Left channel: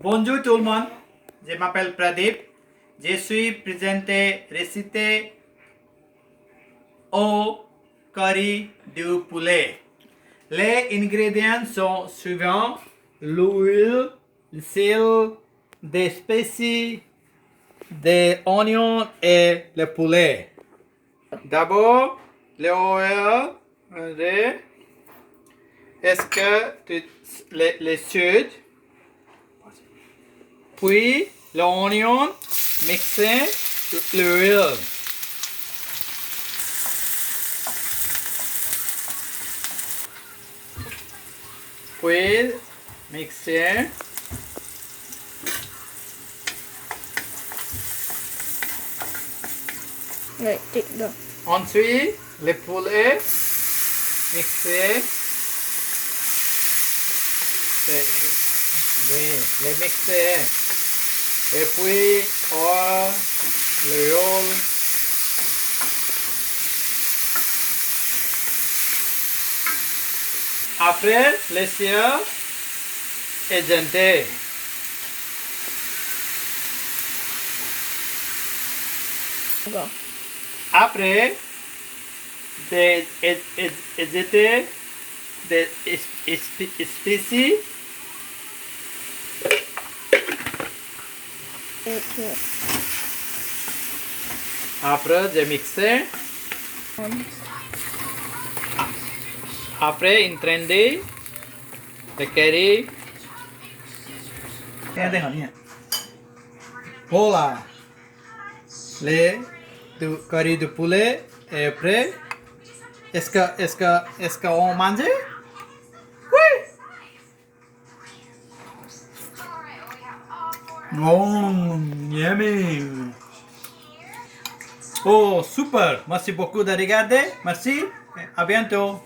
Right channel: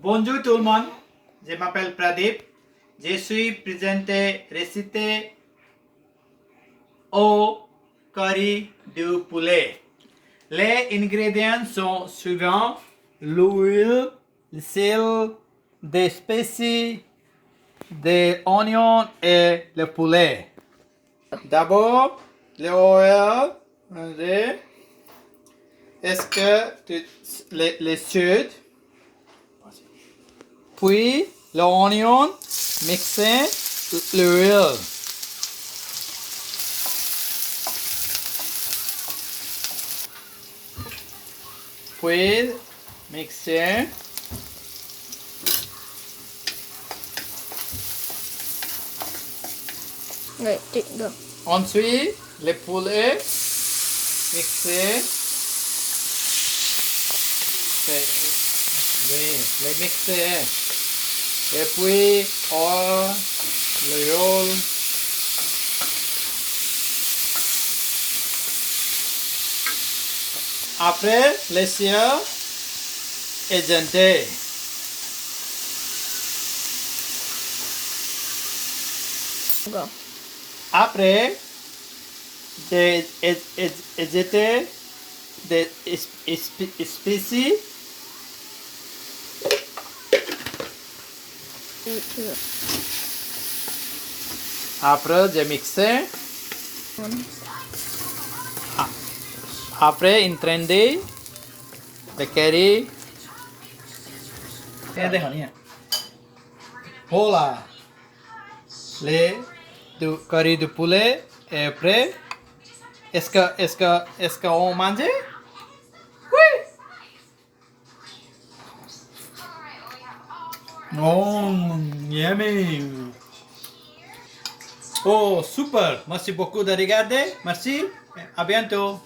Bonjour tout le monde, je m'appelle Pradeep. Je suis présenté recette au curry du poulet. Les ingrédients sont suivants: l'huile, le sel, des spécies, des oignons et le poulet. D'abord, l'huile. Est-ce que les chaudes? Puis l'oignon mixé l'huile. Puis mixer. Rồi, chị được. Ensuite, le poulet mixé. Les mixer. Et puis, l'huile. Après, laisser éjecter. Rồi. Après, éjecter des spécies. Chưa. Après, je mixer. Après, intender the curry. Cái hả nhỉ? Voilà. Le curry du poulet est prêt. Est-ce qu'on mange? Oui. Oh, yummy. Oh, super. Merci beaucoup de regarder. Merci. À bientôt.